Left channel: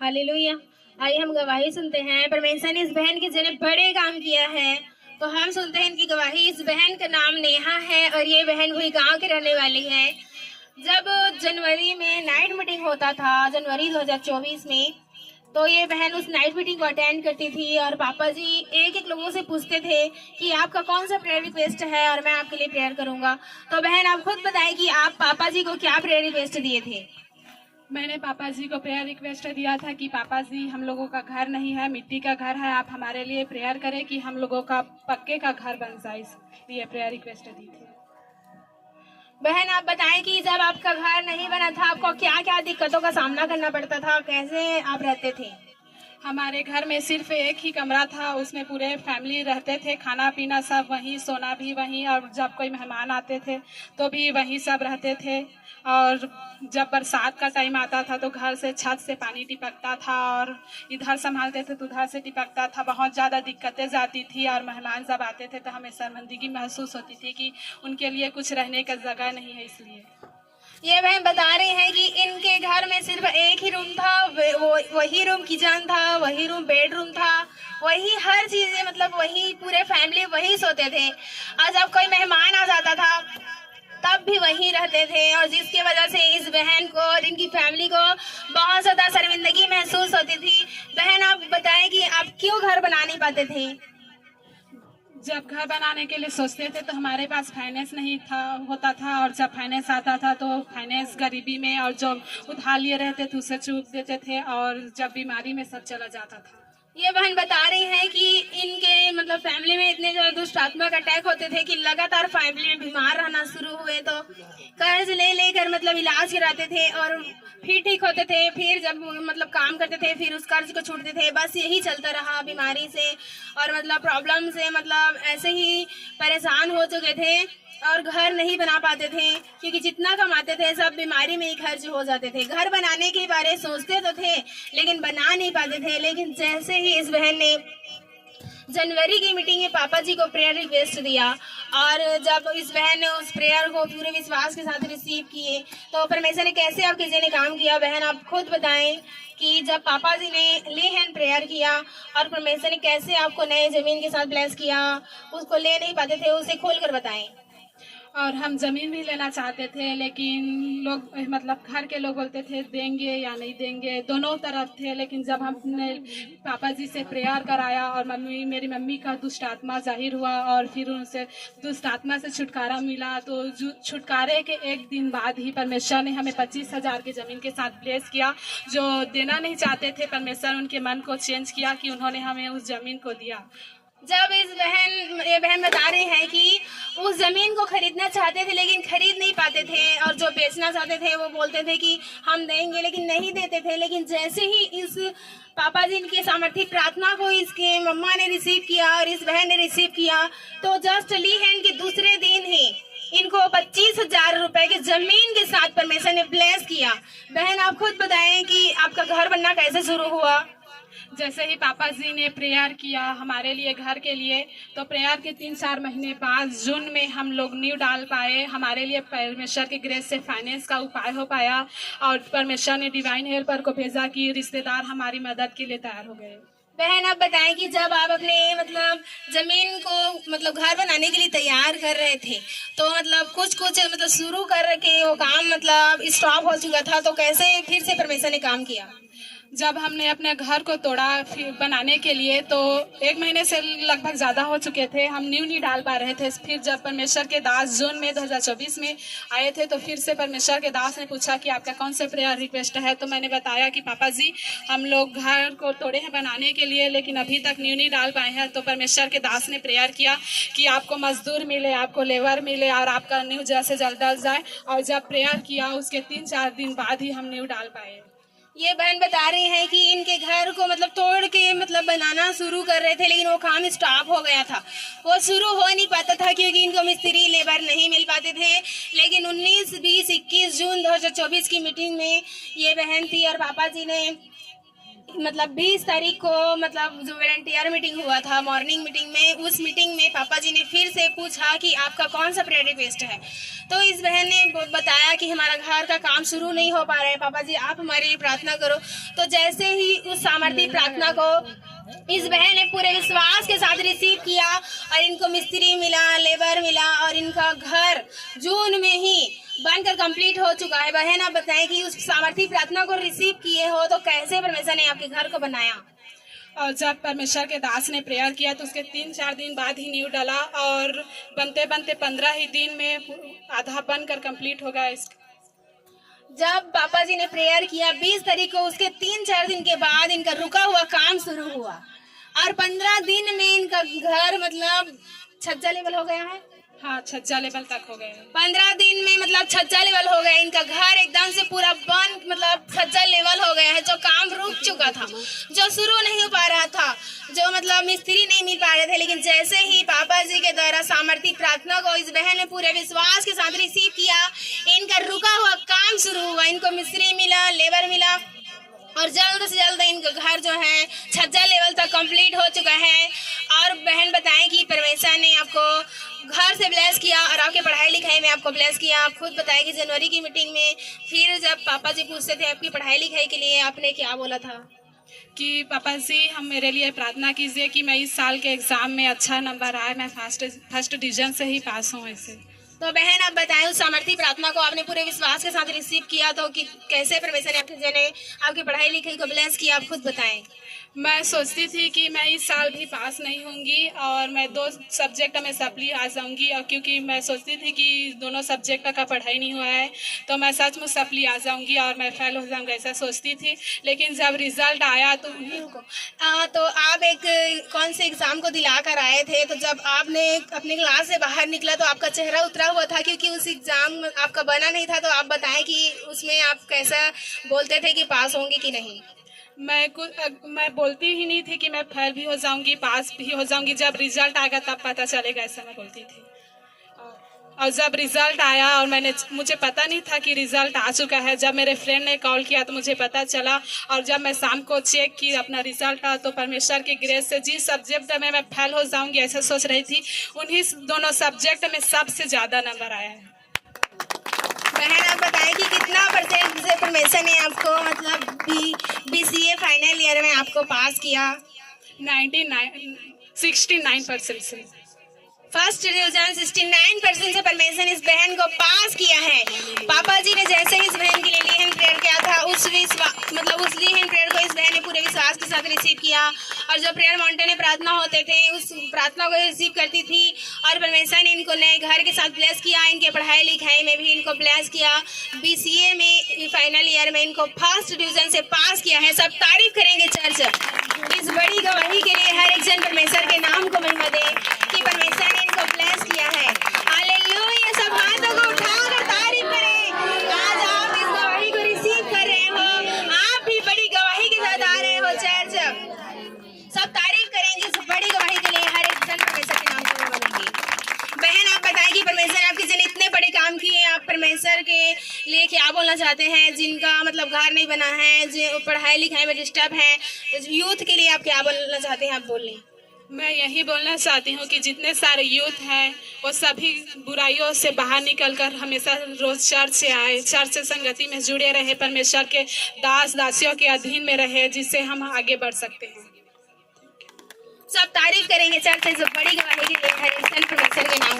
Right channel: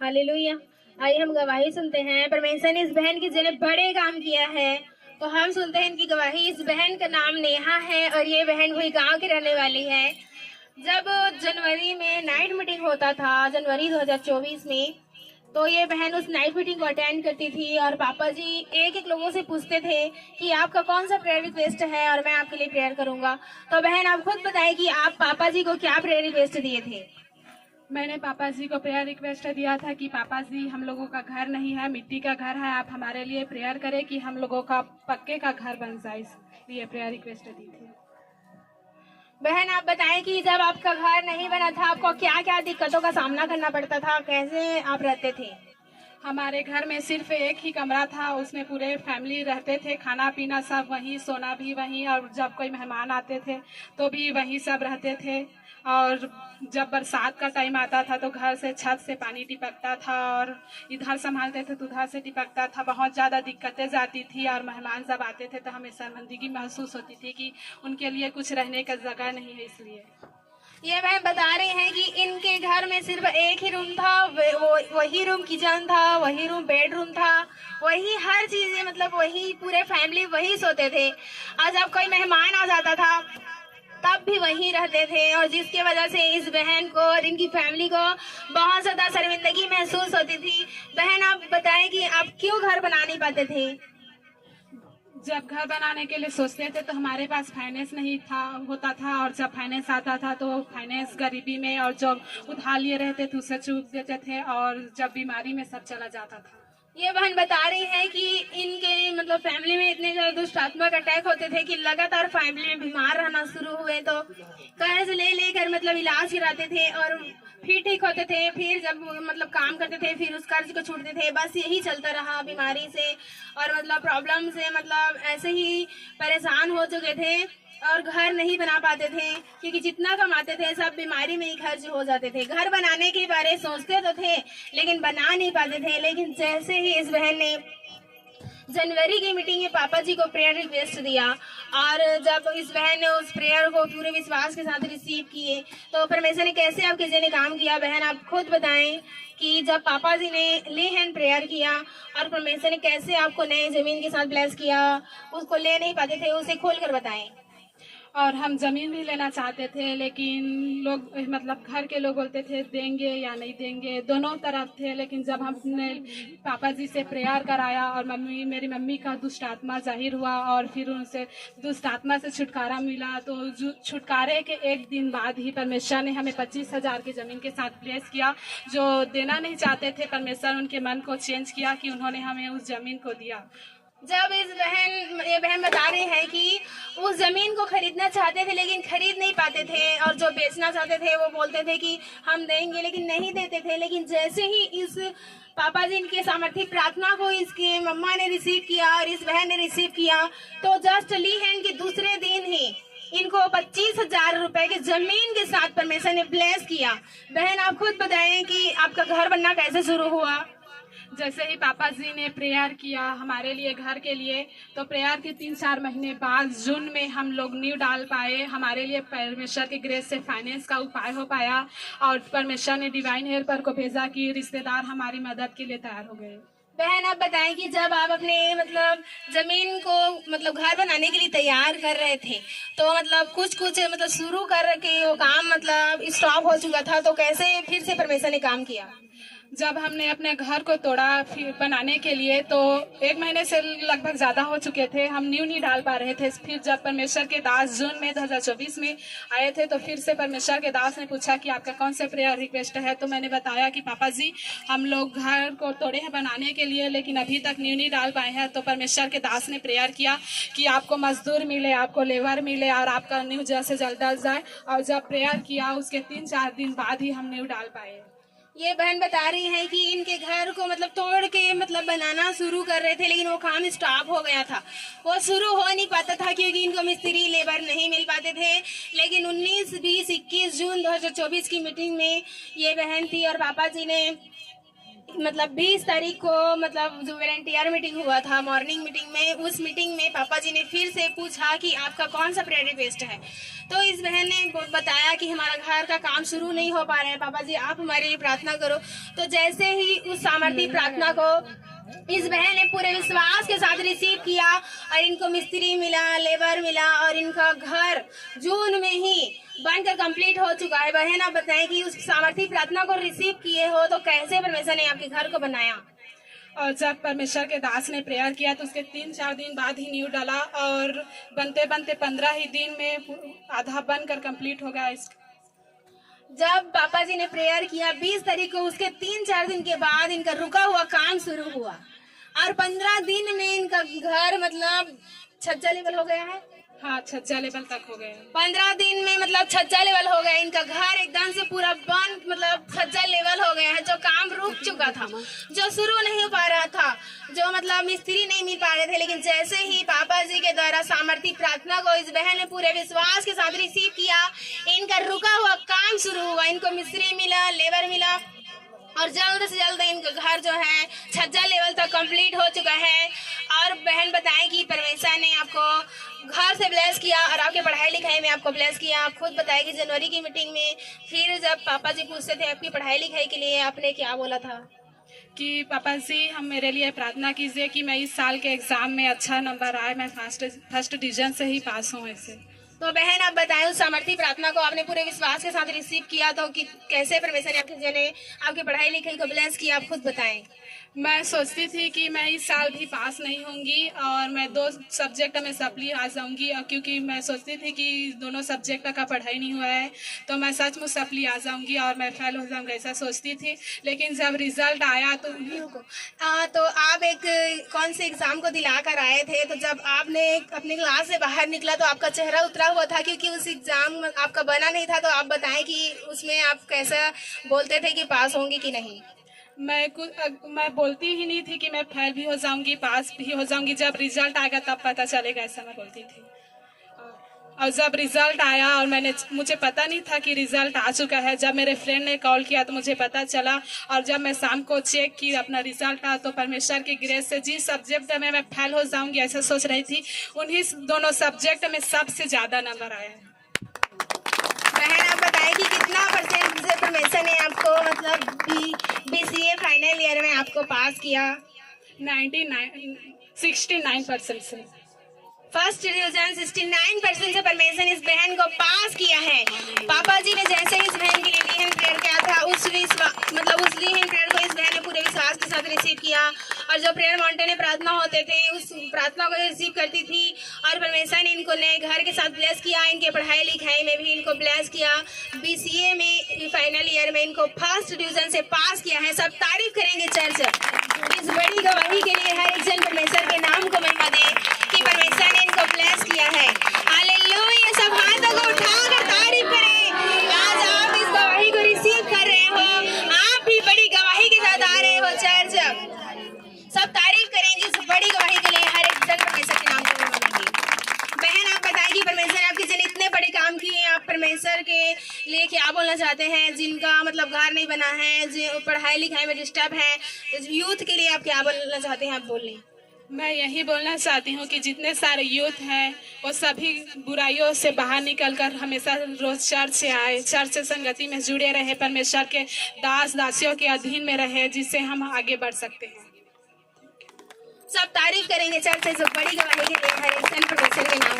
Hallelujah. आइए हम गवाही सुनते हैं। परमेश्वर ने इस बहन के जिन्हें बड़े काम किया है, तो हम सुनते हैं इनकी गवाही। इस बहन का नाम नेहा है और ये बहन कोई गांव की रहने वाली है। जब जनवरी में नाइट मीटिंग होता था, जनवरी 2024 में, तो ये बहन उस नाइट मीटिंग को अटेंड करती थी और पापा जी एक एक लोगों से पूछते थे कि आपका कौन सा प्रेयर रिक्वेस्ट है और मैं आपके लिए प्रेयर करूंगा। तो बहन आप खुद बताएं कि आप पापा जी को क्या प्रेयर रिक्वेस्ट दिए थे। मैंने पापा जी को प्रेयर रिक्वेस्ट दिया था कि पापा जी, हम लोगों का घर नहीं है, मिट्टी का घर है, आप हमारे लिए प्रेयर करें कि हम लोगों का पक्के का घर बन जाए, इसलिए प्रेयर रिक्वेस्ट दी थी। बहन आप बताएं कि जब आपका घर नहीं बना था आपको क्या क्या दिक्कतों का सामना करना पड़ता था, कैसे आप रहते थे। हमारे घर में सिर्फ एक ही कमरा था, उसमें पूरे फैमिली रहते थे, खाना पीना सब वहीं, सोना भी वहीं, और जब कोई मेहमान आते थे तो भी वहीं सब रहते थे। और जब बरसात का टाइम आता था तो घर से छत से पानी टिपकता था और इधर संभालते थे तो उधर से टिपकता था। बहुत ज़्यादा दिक्कतें जाती थी और मेहमान जब आते थे तो हमें शर्मिंदगी महसूस होती थी कि उनके लिए कुछ रहने का जगह नहीं है। इसलिए ये बहन बता रहे हैं कि इनके घर में सिर्फ एक ही रूम था, वही रूम किचन था, वही रूम बेडरूम था, वही हर चीज, मतलब वही पूरे फैमिली वही सोते थे। और जब कोई मेहमान आ जाता था तब भी वहीं रहते थे, और जिसकी वजह से इस बहन को और इनकी फैमिली को बहुत ज्यादा शर्मिंदगी महसूस होती थी। बहन आप बताएं कि आप क्यों घर बना नहीं पाते थे। जब घर बनाने के लिए सोचते थे तो हमारे पास फाइनेंस नहीं था होता था, और जब फाइनेंस आता था तो फाइनेंस गरीबी में और जो उधार लिए रहते थे उसे चूक देते थे, और जब बीमारी में सब चला जाता था। ये बहन बता रही है कि इनके मतलब फैमिली में इतने ज्यादा दुष्ट आत्मा का अटैक होते थे कि लगातार फैमिली में बीमार रहना शुरू हुए तो कर्ज ले लेकर मतलब इलाज कराते थे और फिर ठीक होते थे, फिर जब मतलब काम करते थे फिर उस कर्ज को छूटते थे। बस यही चलता रहा बीमारी से और मतलब प्रॉब्लम से, मतलब ऐसे ही परेशान हो चुके थे और घर नहीं बना पाते थे क्योंकि जितना कमाते थे सब बीमारी में ही खर्च हो जाते थे। घर बनाने के बारे में सोचते तो थे लेकिन बना नहीं पाते थे। लेकिन जैसे ही इस बहन ने जनवरी की मीटिंग में पापा जी को प्रेयर रिक्वेस्ट दिया और जब इस बहन ने उस प्रेयर को पूरे विश्वास के साथ रिसीव किए तो परमेश्वर ने कैसे आपके जरिए काम किया। बहन आप खुद बताएं कि जब पापा जी ने ले हैंड प्रेयर किया और परमेश्वर ने कैसे आपको नए जमीन के साथ ब्लेस किया, उसको ले नहीं पाते थे, उसे खोल कर बताएं। और हम ज़मीन भी लेना चाहते थे, लेकिन लोग मतलब घर के लोग बोलते थे देंगे या नहीं देंगे, दोनों तरफ थे। लेकिन जब हमने पापा जी से प्रेयर कराया और मेरी मम्मी का दुष्ट आत्मा जाहिर हुआ और फिर उनसे दुष्ट आत्मा से छुटकारा मिला, तो छुटकारे के एक दिन बाद ही परमेश्वर ने हमें 25,000 की ज़मीन के साथ ब्लेस किया। जो देना नहीं चाहते थे, परमेश्वर उनके मन को चेंज किया कि उन्होंने हमें उस ज़मीन को दिया। जब ये बहन बता रही है कि उस जमीन को खरीदना चाहते थे लेकिन खरीद नहीं पाते थे, और जो बेचना चाहते थे वो बोलते थे कि हम देंगे लेकिन नहीं देते थे। लेकिन जैसे ही इस पापा जी की सामर्थ्य प्रार्थना को इसके मम्मा ने रिसीव किया और इस बहन ने रिसीव किया तो जस्ट ली हैंड के दूसरे दिन ही इनको 25,000 रुपए की जमीन के साथ परमेश्वर ने ब्लेस किया। बहन आप खुद बताएं कि आपका घर बनना कैसे शुरू हुआ। जैसे ही पापा जी ने प्रेयर किया हमारे लिए घर के लिए, तो प्रेयर के 3-4 महीने बाद जून में हम लोग नींव डाल पाए। हमारे लिए परमेश्वर के ग्रेस से फाइनेंस का उपाय हो पाया और परमेश्वर ने डिवाइन हेल्पर को भेजा कि रिश्तेदार हमारी मदद के लिए तैयार हो गए। बहन आप बताएं कि जब आप अपने मतलब जमीन को मतलब घर बनाने के लिए तैयार कर रहे थे तो मतलब कुछ मतलब शुरू कर के वो काम मतलब स्टॉप हो चुका था, तो कैसे फिर से परमेश्वर ने काम किया। जब हमने अपने घर को तोड़ा फिर बनाने के लिए, तो 1 महीने से लगभग ज़्यादा हो चुके थे, हम नींव नहीं डाल पा रहे थे। फिर जब परमेश्वर के दास जून में 2024 में आए थे तो फिर से परमेश्वर के दास ने पूछा कि आपका कौन से प्रेयर रिक्वेस्ट है। तो मैंने बताया कि पापा जी हम लोग घर को तोड़े हैं बनाने के लिए लेकिन अभी तक नींव नहीं डाल पाए हैं। तो परमेश्वर के दास ने प्रेयर किया कि आपको मजदूर मिले, आपको लेबर मिले और आपका नींव जल्द से जल्द डल जाए। और जब प्रेयर किया उसके 3-4 दिन बाद ही हम नींव डाल पाए। ये बहन बता रही हैं कि इनके घर को मतलब तोड़ के मतलब बनाना शुरू कर रहे थे लेकिन वो काम स्टॉप हो गया था, वो शुरू हो नहीं पाता था क्योंकि इनको मिस्त्री लेबर नहीं मिल पाते थे। लेकिन 19, 20, 21 जून 2024 की मीटिंग में ये बहन थी और पापा जी ने मतलब 20 तारीख को मतलब जो वॉलंटियर मीटिंग हुआ था मॉर्निंग मीटिंग में, उस मीटिंग में पापा जी ने फिर से पूछा कि आपका कौन सा प्रायोरिटी बेस्ड है। तो इस बहन ने बताया कि हमारा घर का काम शुरू नहीं हो पा रहा है, पापा जी आप हमारे लिए प्रार्थना करो। तो जैसे ही उस सामर्थ्य प्रार्थना को इस बहन ने पूरे विश्वास के साथ रिसीव किया और इनको मिस्त्री मिला, लेबर मिला और इनका घर जून में ही बनकर कंप्लीट हो चुका है। बहन आप बताएं कि उस सामर्थ्य प्रार्थना को रिसीव किए हो तो कैसे परमेश्वर ने आपके घर को बनाया? और जब परमेश्वर के दास ने प्रेयर किया तो उसके 3-4 दिन बाद ही नींव डाला और बनते बनते 15 ही दिन में आधा बनकर कंप्लीट हो गया। जब पापा जी ने प्रेयर किया 20 तारीख को, उसके 3-4 दिन के बाद इनका रुका हुआ काम शुरू हुआ और 15 दिन में इनका घर मतलब छज्जा लेवल हो गया है। हाँ, छज्जा लेवल तक हो गए। 15 दिन में मतलब छज्जा लेवल हो गया, इनका घर एकदम से पूरा बन मतलब छज्जा लेवल हो गया है। जो काम रुक चुका था, जो शुरू नहीं हो पा रहा था, जो मतलब मिस्त्री नहीं मिल पा रहे थे, लेकिन जैसे ही पापा जी के द्वारा सामर्थ्य प्रार्थना को इस बहन ने पूरे विश्वास के साथ रिसीव किया, इनका रुका हुआ काम शुरू हुआ। इनको मिस्त्री मिला, लेबर मिला और जल्द से जल्द इनका घर जो है छज्जा लेवल तक कंप्लीट हो चुका है। और बहन बताएं कि परमेश्वर ने आपको घर से ब्लेस किया और आपके पढ़ाई लिखाई में आपको ब्लेस किया। आप खुद बताएं कि जनवरी की मीटिंग में फिर जब पापा जी पूछते थे आपकी पढ़ाई लिखाई के लिए, आपने क्या बोला था? कि पापा जी हम मेरे लिए प्रार्थना कीजिए कि मैं इस साल के एग्जाम में अच्छा नंबर आए, मैं फर्स्ट डिवीजन से ही पास हूँ। ऐसे तो बहन आप बताएं उस सामर्थ्य प्रार्थना को आपने पूरे विश्वास के साथ रिसीव किया तो कि कैसे परमेश्वर ने आपकी पढ़ाई लिखाई को ब्लेस किया, आप खुद बताएं। मैं सोचती थी कि मैं इस साल भी पास नहीं होंगी और मैं 2 सब्जेक्ट में सप्ली आ जाऊंगी, और क्योंकि मैं सोचती थी कि दोनों सब्जेक्ट का पढ़ाई नहीं हुआ है तो मैं सच में सप्ली आ जाऊंगी और मैं फेल हो जाऊंगी, ऐसा सोचती थी। लेकिन जब रिजल्ट आया तो आप एक कौन से एग्जाम को दिला कर आए थे, तो जब आपने अपनी क्लास से बाहर निकला तो आपका चेहरा उतरा हुआ था क्योंकि उस एग्जाम आपका बना नहीं था। तो आप बताएं कि उसमें आप कैसा बोलते थे कि पास होंगे कि नहीं? मैं बोलती ही नहीं थी कि मैं फेल भी हो जाऊंगी, पास भी हो जाऊंगी। जब रिजल्ट आएगा तब पता चलेगा, ऐसा मैं बोलती थी। और जब रिजल्ट आया और मुझे पता नहीं था कि रिजल्ट आ चुका है, जब मेरे फ्रेंड ने कॉल किया तो मुझे पता चला। और जब मैं शाम को चेक की अपना रिजल्ट आया तो परमेश्वर की ग्रेस से जिस सब्जेक्ट में मैं फेल हो जाऊंगी ऐसा सोच रही थी, उन्हीं दोनों सब्जेक्ट में सबसे ज्यादा नंबर आया है। बहन आप बताएं कि कितना परसेंट से परमेश्वर ने आपको मतलब BCA फाइनल ईयर में आपको पास किया? 69% से। फर्स्ट डिवीजन 69% से परमेश्वर इस बहन को पास किया है। पापा जी ने जैसे इस बहन के लिए लिहन प्रेयर किया था, उस लिहन प्रेयर को इस बहन ने पूरे विश्वास के साथ रिसीव किया। और जो प्रेयर माउंटेन में प्रार्थना होते थे उस प्रार्थना को रिसीव करती थी और परमेश्वर ने इनको नए घर के साथ ब्लेस किया, इनके पढ़ाई लिखाई में भी इनको ब्लेस किया। BCA में फाइनल ईयर में इनको फर्स्ट डिवीजन से पास किया है। सब तारीफ करेंगे चर्च। इस बड़ी गवाही के लिए हर एक जन परमेश्वर के नाम को महिमा दे कि परमेश्वर ने इनको ब्लेस किया है। हालेलुया। सब हाथों को उठाकर तारीफ करें। आज आप इस गवाही को रिसीव कर रहे हो, आप भी बड़ी गवाही के साथ आ रहे हो चर्च। सब तारीफ करेंगे इस बड़ी गवाही के लिए, हर एक जन परमेश्वर के नाम को महिमा देंगे। बहन आप बताएंगी परमेश्वर आपके जन इतने बड़े काम किए, आप परमेश्वर के लिए क्या बोलना चाहते हैं? जिनका मतलब घर नहीं बना है, जो पढ़ाई लिखाई में डिस्टर्ब है, यूथ के लिए आप क्या बोलना चाहते हैं? आप बोल लें। मैं यही बोलना चाहती हूँ कि जितने सारे यूथ हैं वो सभी बुराइयों से बाहर निकलकर हमेशा रोज चर्च से आए, चर्च से संगति में जुड़े रहे, परमेश्वर के दास दासियों के अधीन में रहे, जिससे हम आगे बढ़ सकते हैं। सब तारीफ करेंगे चर्च से जो बड़ी गवाही के लिए हर एक परमेश्वर के नाम